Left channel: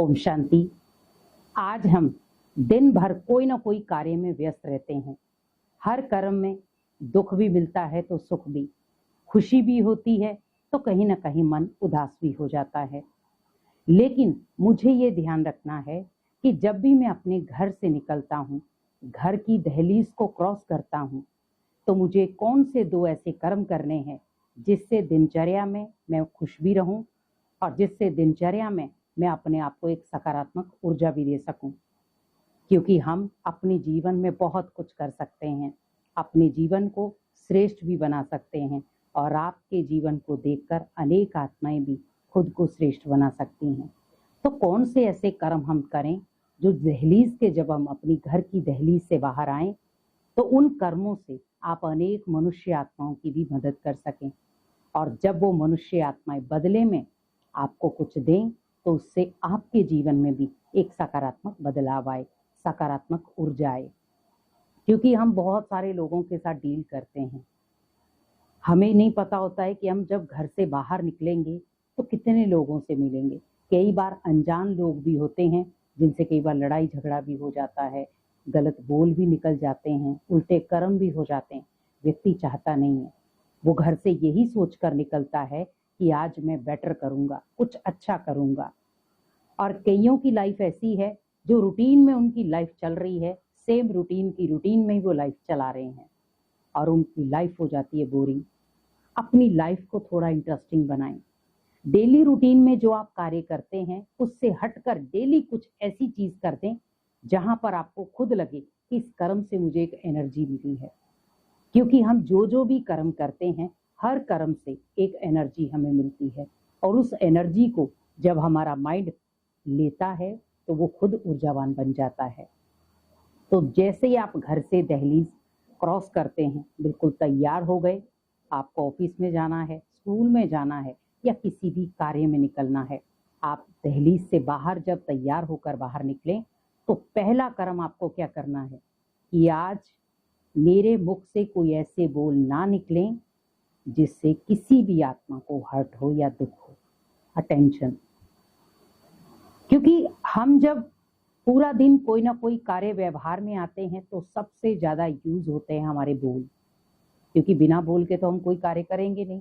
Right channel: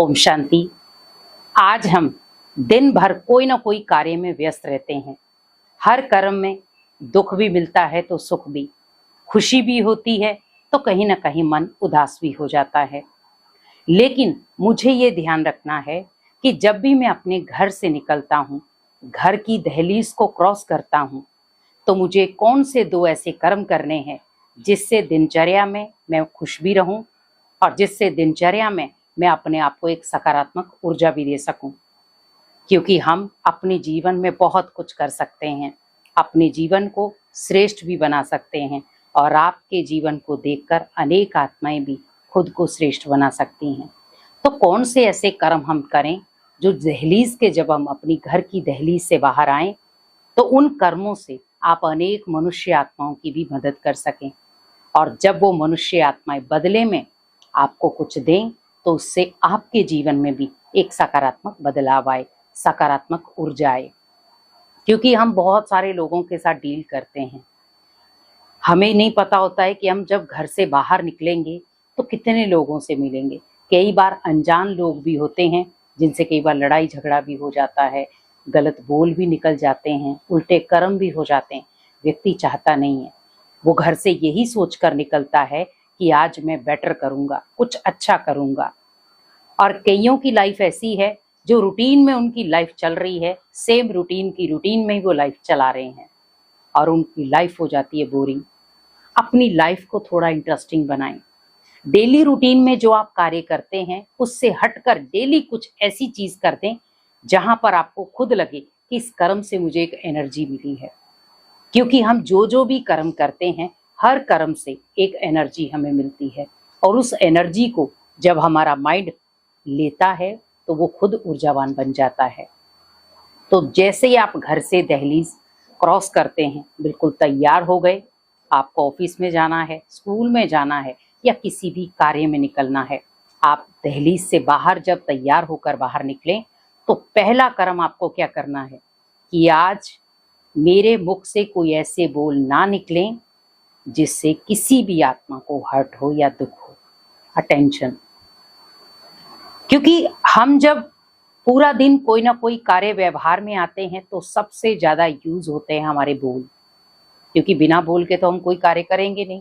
ओम शांति। आज हम दिन भर कोई ना कोई कार्य में व्यस्त रहते हैं। हर कर्म में दुख भी मिलता है तो सुख भी, खुशी भी होती है तो कहीं ना कहीं मन उदास भी हो जाता है। लेकिन मुझे ये ध्यान रखना है कि जब भी मैं अपने घर से निकलता हूँ, घर की दहलीज को क्रॉस करता हूँ, तो मुझे कौन से दो ऐसे कर्म करने हैं जिससे दिनचर्या में मैं खुश भी रहूं और जिससे दिनचर्या में मैं अपने आप को एक सकारात्मक ऊर्जा भी दे सकूं। क्योंकि हम अपने जीवन में बहुत कुछ कर सकते हैं, अपने जीवन को श्रेष्ठ भी बना सकते हैं और आपके जीवन को देखकर अनेक आत्माएं भी खुद को श्रेष्ठ बना सकती हैं। तो कौन से ऐसे कर्म हम करें जो दहलीज के, जब हम अपनी घर की दहलीज से बाहर आएं तो उन कर्मों से आप अनेक मनुष्य आत्माओं की भी मदद कर सकें, और जब वो मनुष्य आत्माएं बदले में आपको कुछ दें तो उससे आपके जीवन में भी एक सकारात्मक बदलाव आए, सकारात्मक ऊर्जा आए। क्योंकि हम बहुत सारे लोगों के साथ डील करते हैं, हमें नहीं पता होता है कि हम जब घर से बाहर निकलेंगे तो कितने लोगों से मिलेंगे। कई बार अनजान लोग भी होते हैं जिनसे कई बार लड़ाई झगड़ा भी हो जाता है, गलत बोल भी निकल जाते हैं, उल्टे कर्म भी हो जाते हैं। व्यक्ति चाहता नहीं है, वो घर से यही सोचकर निकलता है कि आज मैं बेटर करूंगा, कुछ अच्छा करूंगा। और कईयों की लाइफ ऐसी है जो रूटीन में उनकी लाइफ चल रही है, सेम रूटीन में ही वो लाइफ चला रहे हैं और उनकी लाइफ हो जाती है बोरिंग। अपनी लाइफ को थोड़ा इंटरेस्टिंग बनाएं। डेली रूटीन में जो आप कार्य करते हैं उससे हटकर डेली कुछ ऐसी चीज कर दें जहां पर आपको खुद लगे कि इस कर्म से मुझे एक एनर्जी मिली है। क्योंकि हम जो भी कर्म करते हैं, हर कर्म से एक एनर्जी हमें मिलती है और उस एनर्जी को जब हमारा माइंड लेता है तो वो खुद ऊर्जावान बन जाता है। तो जैसे ही आप घर से दहलीज क्रॉस करते हैं, बिल्कुल तैयार हो गए, आपको ऑफिस में जाना है, स्कूल में जाना है या किसी भी कार्य में निकलना है, आप दहलीज से बाहर जब तैयार होकर बाहर निकलें तो पहला कर्म आपको क्या करना है कि आज मेरे मुख से कोई ऐसे बोल ना निकलें जिससे किसी भी आत्मा को हर्ट हो या दुख हो। अटेंशन। क्योंकि हम जब पूरा दिन कोई ना कोई कार्य व्यवहार में आते हैं तो सबसे ज्यादा यूज होते हैं हमारे बोल, क्योंकि बिना बोल के तो हम कोई कार्य करेंगे नहीं।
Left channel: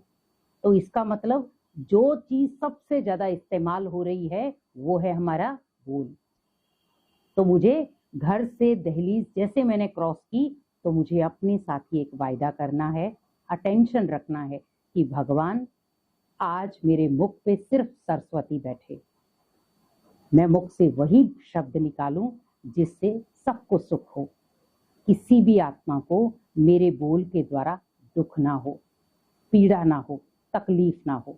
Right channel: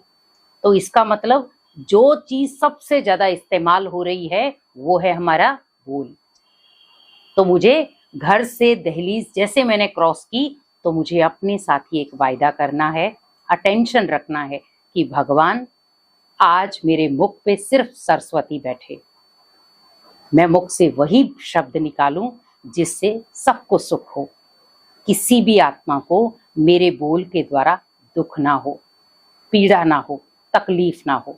तो इसका मतलब जो चीज सबसे ज्यादा इस्तेमाल हो रही है वो है हमारा बोल। तो मुझे घर से दहलीज जैसे मैंने क्रॉस की तो मुझे अपने साथ ही एक वायदा करना है, अटेंशन रखना है कि भगवान आज मेरे मुख पे सिर्फ सरस्वती बैठे, मैं मुख से वही शब्द निकालूं जिससे सबको सुख हो, किसी भी आत्मा को मेरे बोल के द्वारा दुख ना हो, पीड़ा ना हो, तकलीफ ना हो।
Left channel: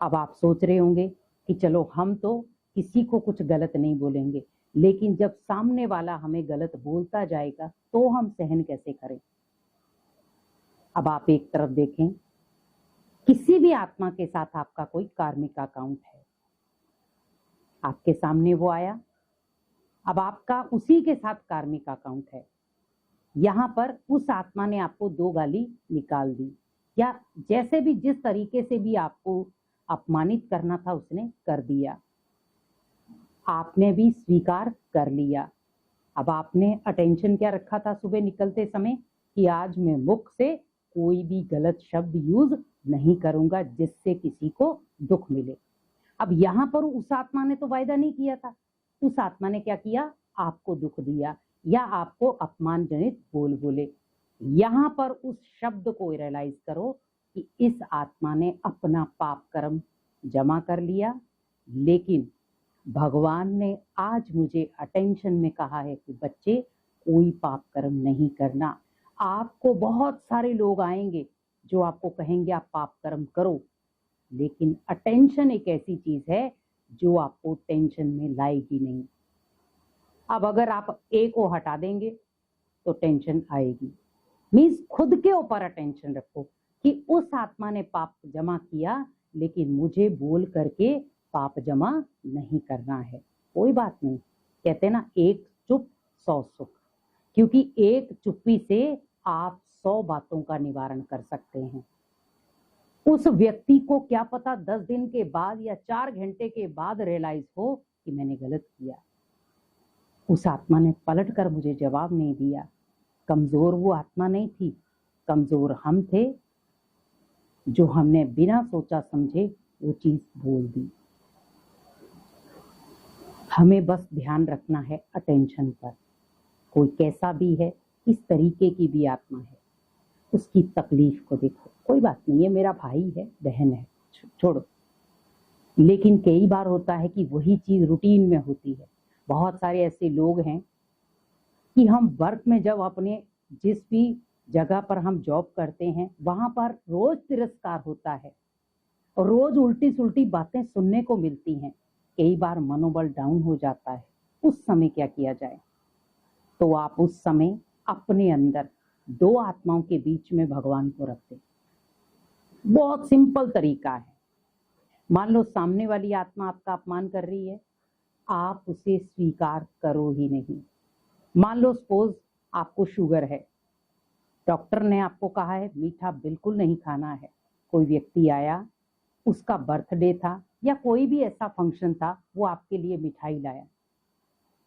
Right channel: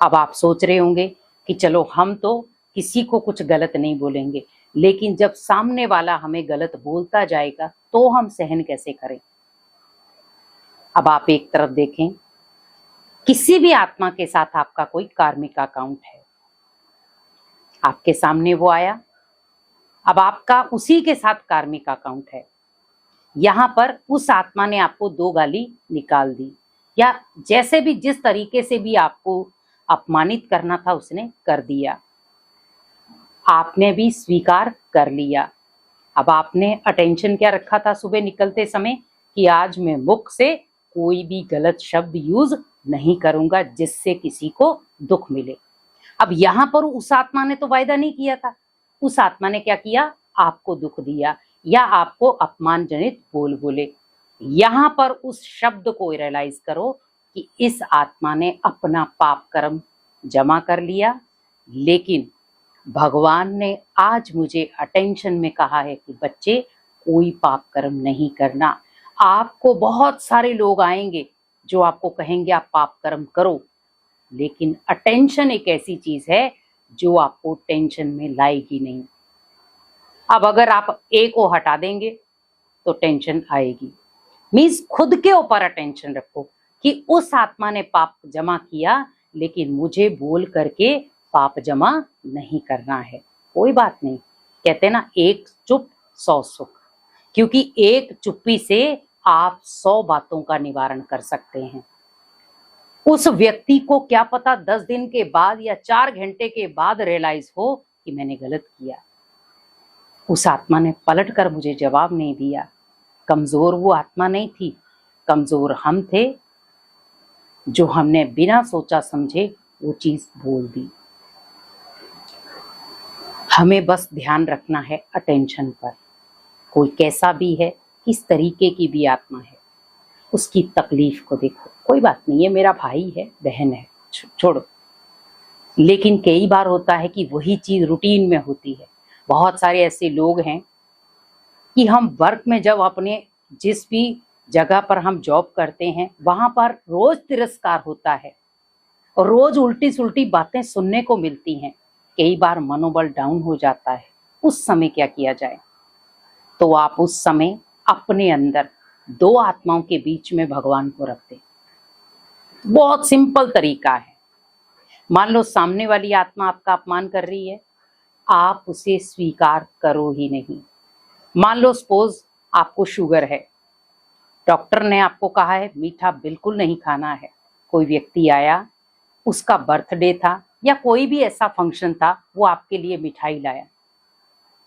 अब आप सोच रहे होंगे कि चलो हम तो किसी को कुछ गलत नहीं बोलेंगे, लेकिन जब सामने वाला हमें गलत बोलता जाएगा तो हम सहन कैसे करें। अब आप एक तरफ देखें, किसी भी आत्मा के साथ आपका कोई कार्मिक अकाउंट है, आपके सामने वो आया, अब आपका उसी के साथ कार्मिक अकाउंट है। यहां पर उस आत्मा ने आपको दो गाली निकाल दी या जैसे भी जिस तरीके से भी आपको अपमानित करना था उसने कर दिया, आपने भी स्वीकार कर लिया। अब आपने अटेंशन क्या रखा था सुबह निकलते समय कि आज मैं मुख से कोई भी गलत शब्द यूज नहीं करूंगा जिससे किसी को दुख मिले। अब यहां पर उस आत्मा ने तो वायदा नहीं किया था, उस आत्मा ने क्या किया, आपको दुख दिया या आपको अपमानजनित बोल बोले। यहां पर उस शब्द को रियलाइज करो कि इस आत्मा ने अपना पाप कर्म जमा कर लिया, लेकिन भगवान ने आज मुझे अटेंशन में कहा है कि बच्चे कोई पाप कर्म नहीं करना। आपको बहुत सारे लोग आएंगे जो आपको कहेंगे आप पाप कर्म करो, लेकिन अटेंशन एक ऐसी चीज है जो आपको टेंशन में लाएगी नहीं। अब अगर आप ए को हटा देंगे तो टेंशन आएगी। मीन्स खुद के ऊपर अटेंशन रखो कि उस आत्मा ने पाप जमा किया लेकिन मुझे बोल करके पाप जमा नहीं करना है। कोई बात नहीं, कहते ना एक चुप 100 सुख, क्योंकि एक चुप्पी से आप 100 बातों का निवारण कर सकते हैं। उस व्यक्ति को क्या पता 10 दिन के बाद या 4 घंटे के बाद रियलाइज हो कि मैंने गलत किया। उस आत्मा ने पलटकर मुझे जवाब नहीं दिया। कमजोर वो आत्मा नहीं थी, कमजोर हम थे जो हमने बिना सोचा समझे वो चीज बोल दी। हमें बस ध्यान रखना है अटेंशन पर। कोई कैसा भी है, किस तरीके की भी आत्मा है, उसकी तकलीफ को देखो, कोई बात नहीं है, मेरा भाई है, बहन है, छोड़ो। लेकिन कई बार होता है कि वही चीज रूटीन में होती है। बहुत सारे ऐसे लोग हैं कि हम वर्क में जब अपने जिस भी जगह पर हम जॉब करते हैं वहां पर रोज तिरस्कार होता है और रोज उल्टी सुल्टी बातें सुनने को मिलती हैं। कई बार मनोबल डाउन हो जाता है। उस समय क्या किया जाए? तो आप उस समय अपने अंदर दो आत्माओं के बीच में भगवान को रख दें। बहुत सिंपल तरीका है। मान लो सामने वाली आत्मा आपका अपमान कर रही है, आप उसे स्वीकार करो ही नहीं। मान लो सपोज आपको शुगर है, डॉक्टर ने आपको कहा है मीठा बिल्कुल नहीं खाना है। कोई व्यक्ति आया, उसका बर्थडे था या कोई भी ऐसा फंक्शन था, वो आपके लिए मिठाई लाया,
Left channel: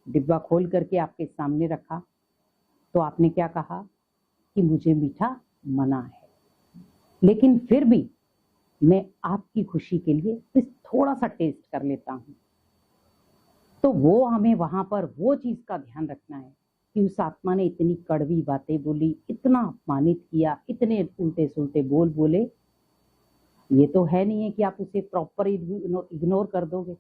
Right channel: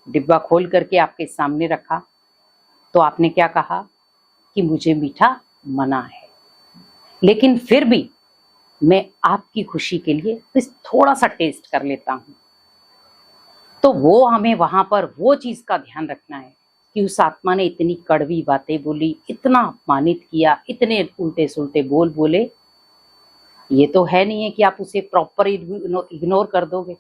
डिब्बा खोल करके आपके सामने रखा, तो आपने क्या कहा कि मुझे मीठा मना है, लेकिन फिर भी मैं आपकी खुशी के लिए बस थोड़ा सा टेस्ट कर लेता हूं। तो वो हमें वहां पर वो चीज का ध्यान रखना है कि उस आत्मा ने इतनी कड़वी बातें बोली, इतना अपमानित किया, इतने उल्टे सुल्टे बोल बोले। ये तो है नहीं है कि आप उसे प्रॉपर इग्नोर कर दोगे,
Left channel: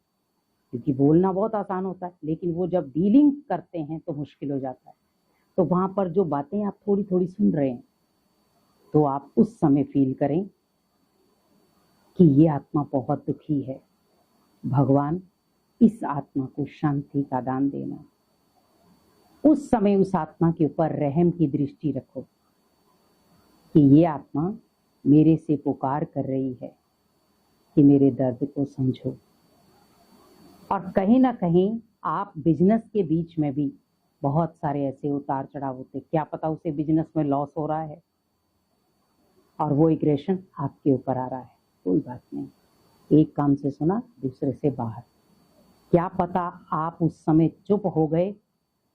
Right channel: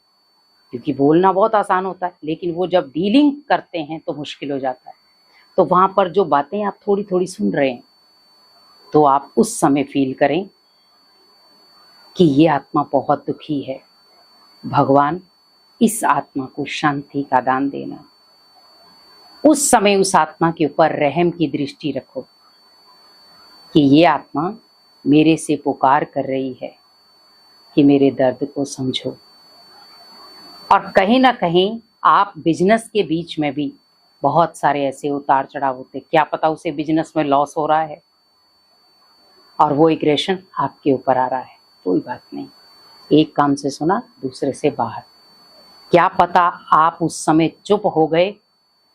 क्योंकि बोलना बहुत आसान होता है, लेकिन वो जब डीलिंग करते हैं तो मुश्किल हो जाता है। तो वहां पर जो बातें आप थोड़ी थोड़ी सुन रहे हैं, तो आप उस समय फील करें कि ये आत्मा बहुत दुखी है, भगवान इस आत्मा को शांति का दान देना। उस समय उस आत्मा के ऊपर रहम की दृष्टि रखो कि ये आत्मा मेरे से पुकार कर रही है कि मेरे दर्द को समझो। और कहीं ना कहीं आप बिजनेस के बीच में भी बहुत सारे ऐसे उतार चढ़ाव होते, क्या पता उसे बिजनेस में लॉस हो रहा है और वो एग्रेशन आपके ऊपर आ रहा है। कोई बात नहीं, एक कान से सुना दूसरे से बाहर। क्या पता आप उस समय चुप हो गए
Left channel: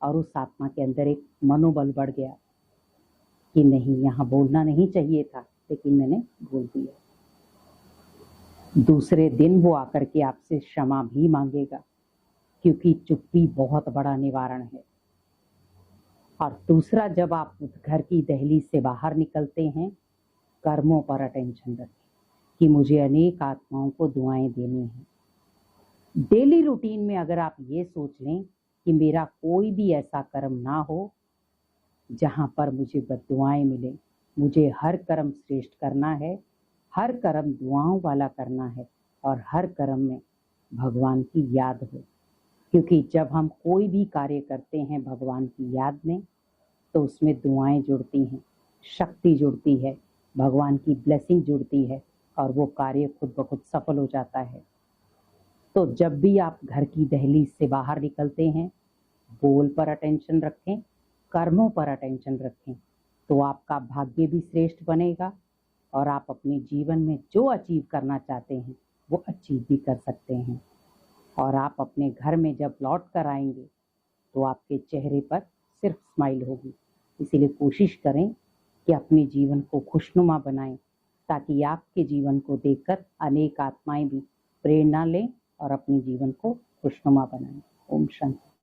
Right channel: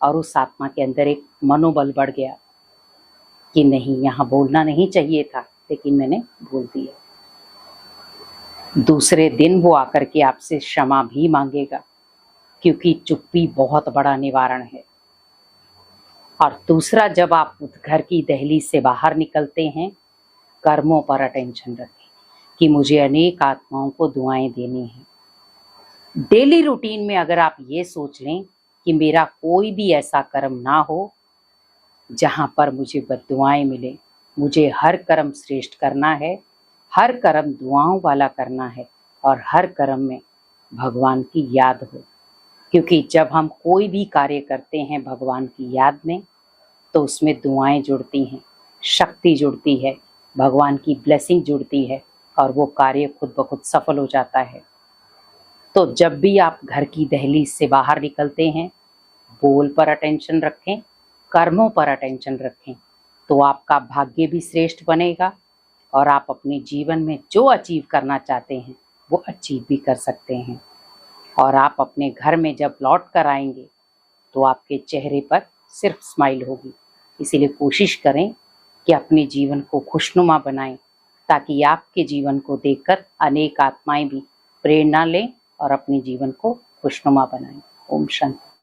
और उस आत्मा के अंदर एक मनोबल बढ़ गया कि नहीं, यहाँ बोलना नहीं चाहिए था, लेकिन मैंने बोल दिया। दूसरे दिन वो आकर के आपसे क्षमा भी मांगेगा, क्योंकि चुप्पी बहुत बड़ा निवारण है। और दूसरा, जब आप घर की दहलीज से बाहर निकलते हैं, कर्मों पर अटेंशन रखें कि मुझे अनेक आत्माओं को दुआएं देनी है। डेली रूटीन में अगर आप ये सोच लें कि मेरा कोई भी ऐसा कर्म ना हो जहां पर मुझे बद्दुआएं मिले, मुझे हर कर्म श्रेष्ठ करना है, हर कर्म दुआओं वाला करना है और हर कर्म में भगवान की याद हो। क्योंकि जब हम कोई भी कार्य करते हैं भगवान की याद में, तो उसमें दुआएं जुड़ती हैं, शक्ति जुड़ती है, भगवान की ब्लेसिंग जुड़ती है और वो कार्य खुद ब खुद सफल हो जाता है। तो जब भी आप घर की दहलीज से बाहर निकलते हैं, बोल पर अटेंशन रखें, कर्मों पर अटेंशन रखें, तो आपका भाग्य भी श्रेष्ठ बनेगा और आप अपने जीवन में जो अचीव करना चाहते हैं वो अचीव भी कर सकते हैं। और आप अपने घर में जब लौट कर आएंगे तो आपके चेहरे पर सिर्फ स्माइल होगी। इसीलिए कोशिश करें कि अपने जीवन को खुशनुमा बनाएं, ताकि आपके जीवन को देखकर अनेक आत्माएं भी प्रेरणा लें और अपने जीवन को खुशनुमा बनाएं। ओम शांति।